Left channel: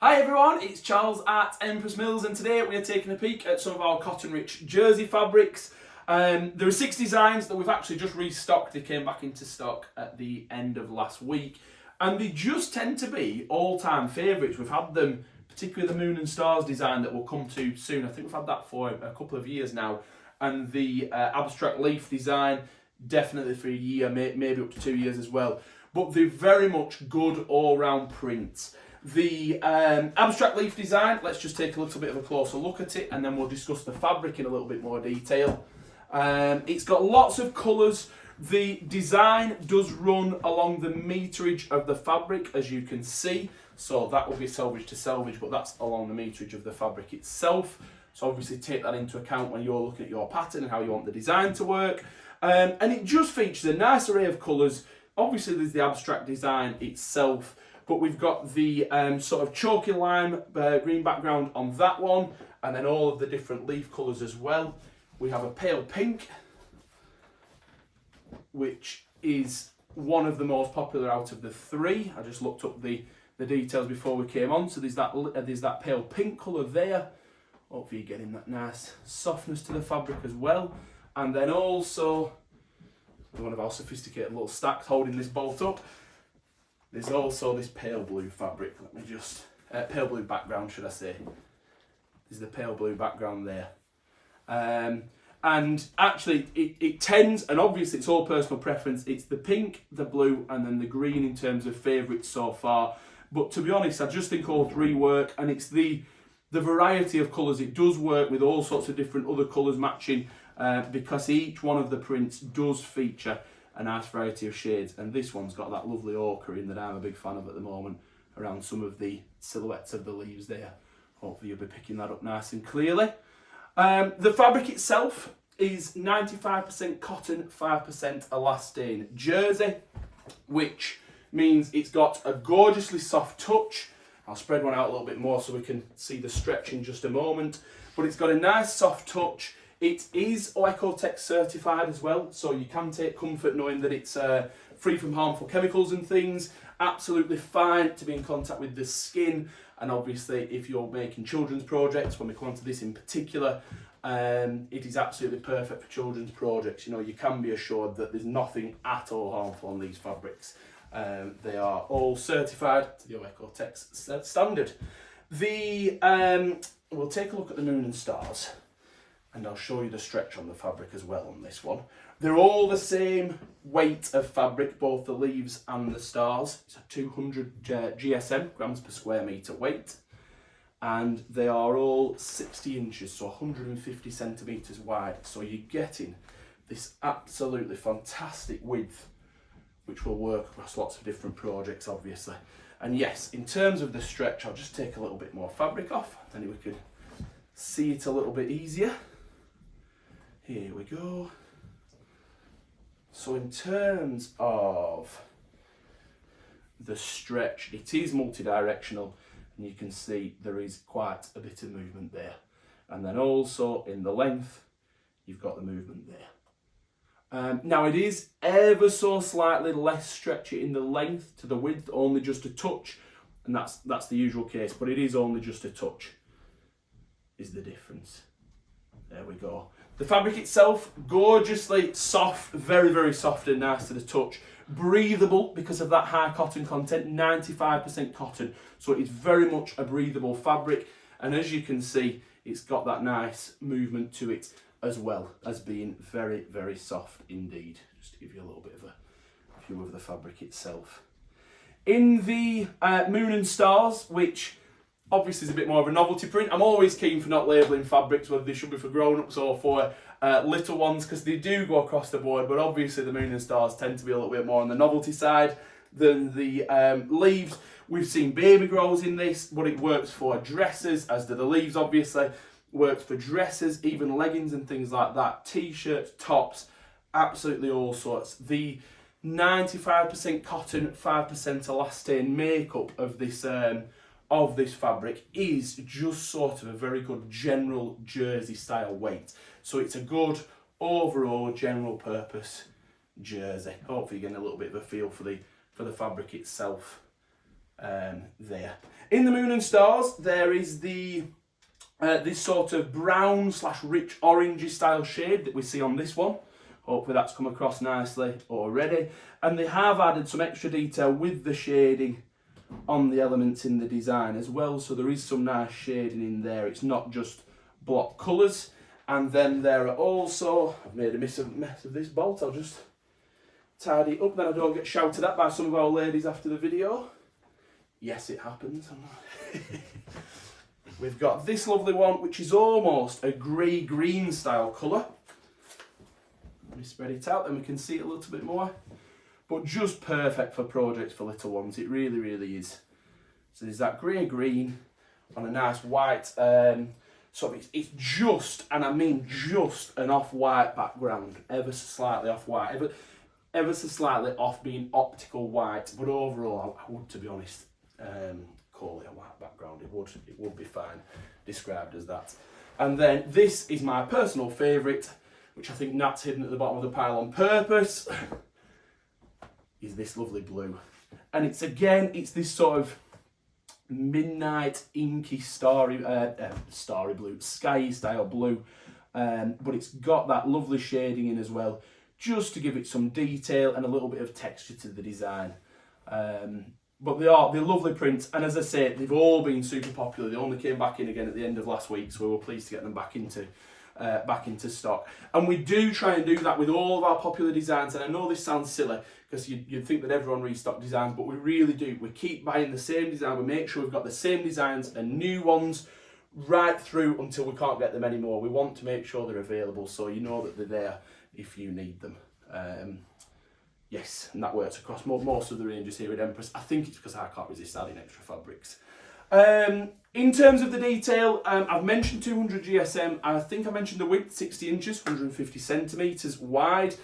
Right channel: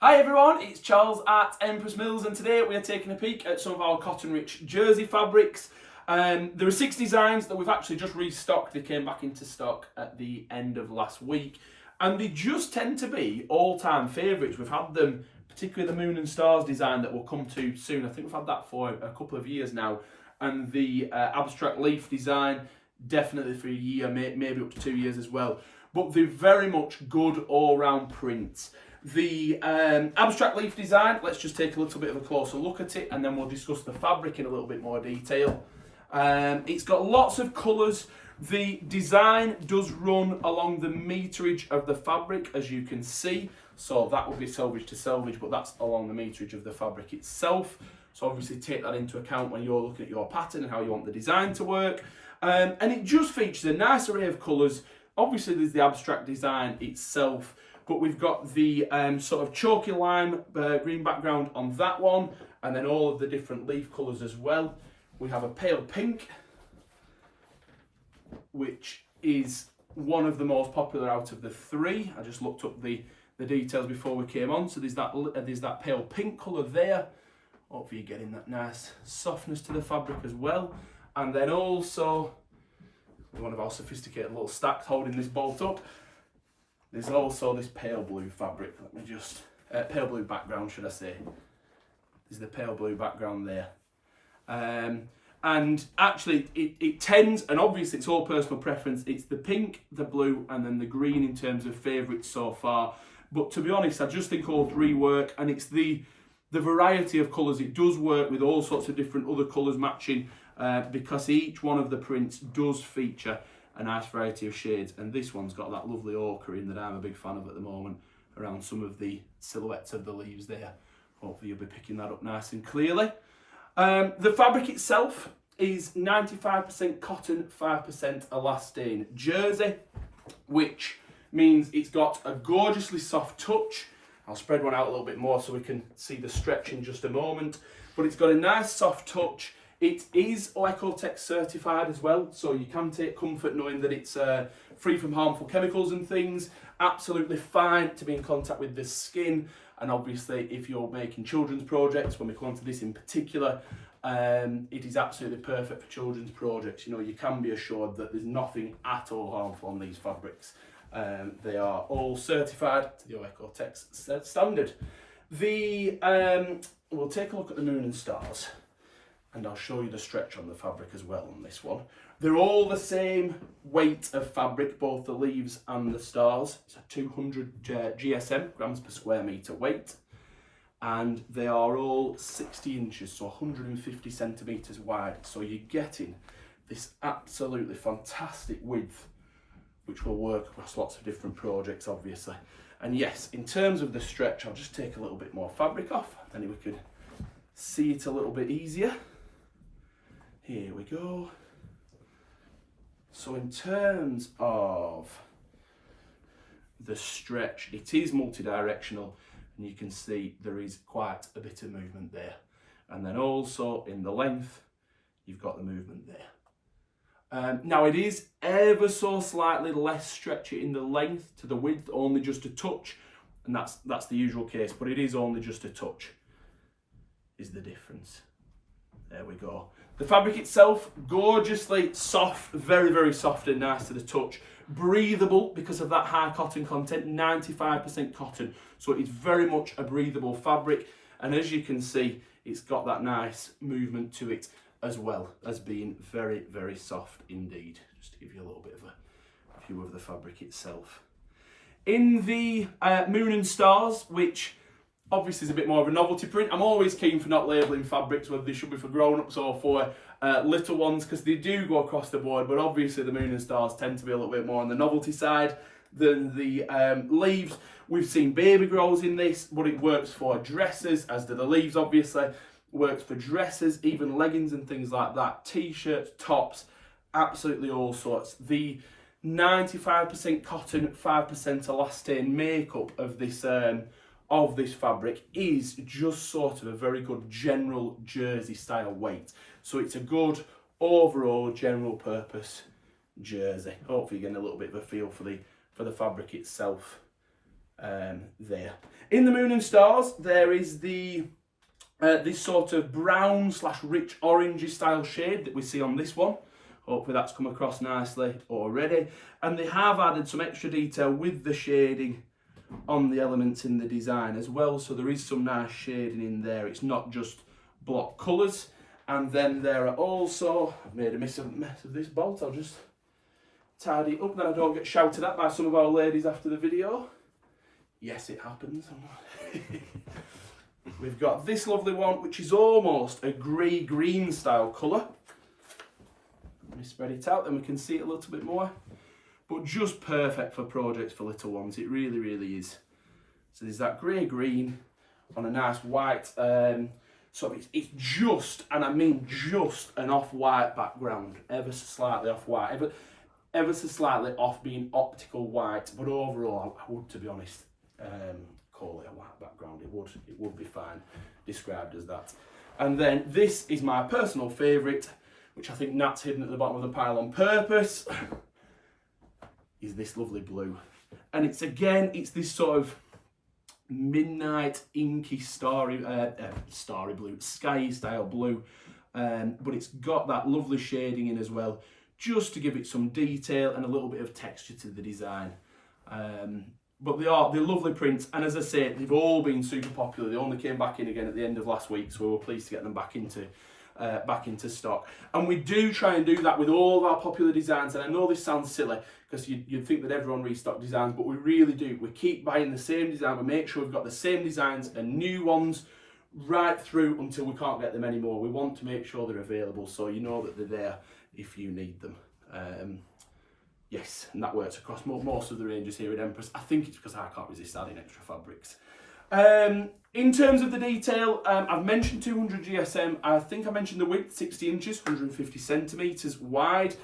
Hi everyone, it's Charles at Empress Mills, and today we are taking a peek at some of our cotton-rich jersey fabrics. There are 6 designs that we've actually just restocked. They came back into stock at the end of last week, and they just tend to be all-time favourites. We've had them, particularly the Moon and Stars design that we'll come to soon. I think we've had that for a couple of years now, and the abstract leaf design definitely for a year, maybe up to 2 years as well. But they're very much good all-round prints. The abstract leaf design, let's just take a little bit of a closer look at it and then we'll discuss the fabric in a little bit more detail. It's got lots of colours. The design does run along the meterage of the fabric, as you can see. So that will be selvage to selvage, but that's along the meterage of the fabric itself. So obviously take that into account when you're looking at your pattern and how you want the design to work. And it just features a nice array of colours. Obviously there's the abstract design itself, but we've got the sort of chalky lime green background on that one, and then all of the different leaf colours as well. We have a pale pink, which is one of the most popular out of the 3. I just looked up the details before we came on. So there's that pale pink colour there. Hopefully you're getting that nice softness to the fabric as well. And then also, one of our sophisticated little stacks holding this bolt up, there's also this pale blue fabric. Let me just, pale blue background, should I say. There's the pale blue background there. And actually, it tends, and obviously it's all personal preference, it's the pink, the blue, and then the green in terms of favourites so far. But to be honest, I just think all 3 work, and it's the variety of colours. It does work with all sorts of different other colours matching, because each one of the prints does feature a nice variety of shades, and this one's got that lovely ochre in that I'm a big fan of at the moment around some of the silhouettes of the leaves there. Hopefully you'll be picking that up nice and clearly. The fabric itself is 95% cotton, 5% elastane jersey, which means it's got a gorgeously soft touch. I'll spread one out a little bit more so we can see the stretch in just a moment, but it's got a nice soft touch. It is Ecotech certified as well, so you can take comfort knowing that it's free from harmful chemicals and things. Absolutely fine to be in contact with the skin, and obviously if you're making children's projects, when we come on to this in particular, it is absolutely perfect for children's projects. You know, you can be assured that there's nothing at all harmful on these fabrics. They are all certified to the Ecotech standard. We'll take a look at the Moon and Stars, and I'll show you the stretch on the fabric as well on this one. They're all the same weight of fabric, both the leaves and the stars. It's a 200 GSM, grams per square metre weight. And they are all 60 inches, so 150 centimetres wide. So you're getting this absolutely fantastic width, which will work across lots of different projects, obviously. And yes, in terms of the stretch, I'll just take a little bit more fabric off, then we can see it a little bit easier. Here we go. So in terms of the stretch, it is multi-directional, and you can see there is quite a bit of movement there. And then also in the length, you've got the movement there. Now it is ever so slightly less stretchy in the length to the width, only just a touch, and that's the usual case, but it is only just a touch is the difference. There we go. The fabric itself, gorgeously soft, very, very soft and nice to the touch. Breathable because of that high cotton content, 95% cotton. So it's very much a breathable fabric. And as you can see, it's got that nice movement to it as well as being very, very soft indeed. Just to give you a little bit of a view of the fabric itself. In the Moon and Stars, which obviously is a bit more of a novelty print. I'm always keen for not labelling fabrics, whether they should be for grown-ups or for little ones, because they do go across the board, but obviously the Moon and Stars tend to be a little bit more on the novelty side than the leaves. We've seen baby grows in this, but it works for dresses, as do the leaves obviously. Works for dresses, even leggings and things like that, t-shirts, tops, absolutely all sorts. The 95% cotton, 5% elastane makeup of this fabric is just sort of a very good general jersey style weight. So it's a good overall general purpose jersey. Hopefully you're getting a little bit of a feel for the fabric itself. there. In the Moon and Stars, there is the this sort of brown / rich orangey style shade that we see on this one. Hopefully that's come across nicely already. And they have added some extra detail with the shading on the elements in the design as well. So there is some nice shading in there. It's not just block colours. And then there are also, I've made a mess of this bolt. I'll just tidy it up, then I don't get shouted at by some of our ladies after the video. Yes, it happens. We've got this lovely one, which is almost a grey-green style colour. Let me spread it out, then we can see it a little bit more. But just perfect for projects for little ones. It really, really is. So there's that grey-green on a nice white. So it's just, and I mean just, an off-white background. Ever so slightly off-white. Ever so slightly off being optical white. But overall, I would, to be honest, call it a white background. It would be fine described as that. And then this is my personal favourite, which I think Nat's hidden at the bottom of the pile on purpose, is this lovely blue. And it's this sort of midnight inky starry blue, sky style blue, but it's got that lovely shading in as well, just to give it some detail and a little bit of texture to the design. But they're lovely prints, and as I say, they've all been super popular. They only came back in again at the end of last week, so we were pleased to get them back into stock. And we do try and do that with all of our popular designs. And I know this sounds silly because you'd think that everyone restocks designs, but we really do. We keep buying the same design. We make sure we've got the same designs and new ones right through until we can't get them anymore. We want to make sure they're available, so you know that they're there if you need them. Yes, and that works across most of the ranges here at Empress. I think it's because I can't resist adding extra fabrics. In terms of the detail, I've mentioned 200 GSM. I think I mentioned the width, 60 inches, 150 centimetres wide,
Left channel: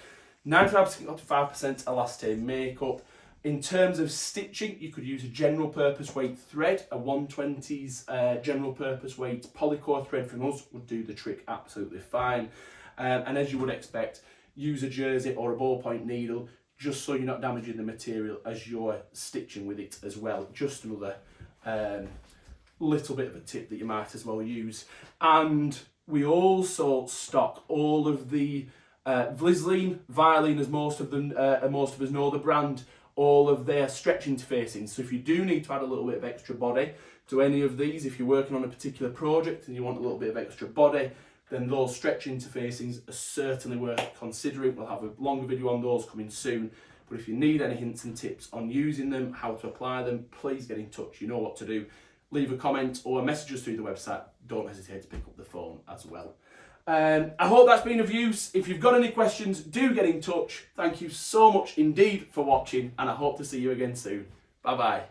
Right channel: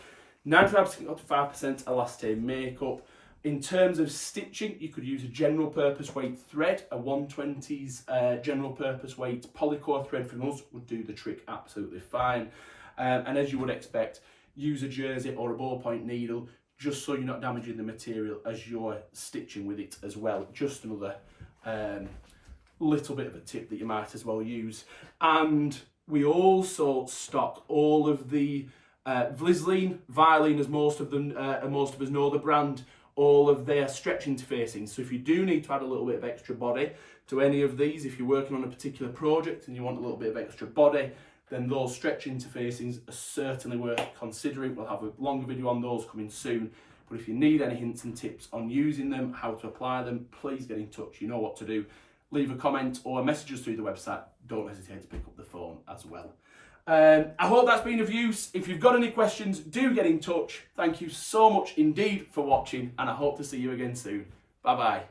95% up to 5% elastane makeup. In terms of stitching, you could use a general purpose weight thread. A 120s general purpose weight polycore thread from us would do the trick absolutely fine. And as you would expect, use a jersey or a ballpoint needle, just so you're not damaging the material as you're stitching with it as well. Just another little bit of a tip that you might as well use. And we also stock all of the Vlizzline, Violin, as most of us know the brand, all of their stretch interfacing. So if you do need to add a little bit of extra body to any of these, if you're working on a particular project and you want a little bit of extra body, then those stretch interfacings are certainly worth considering. We'll have a longer video on those coming soon. But if you need any hints and tips on using them, how to apply them, please get in touch. You know what to do. Leave a comment or message us through the website. Don't hesitate to pick up the phone as well. I hope that's been of use. If you've got any questions, do get in touch. Thank you so much indeed for watching, and I hope to see you again soon. Bye bye.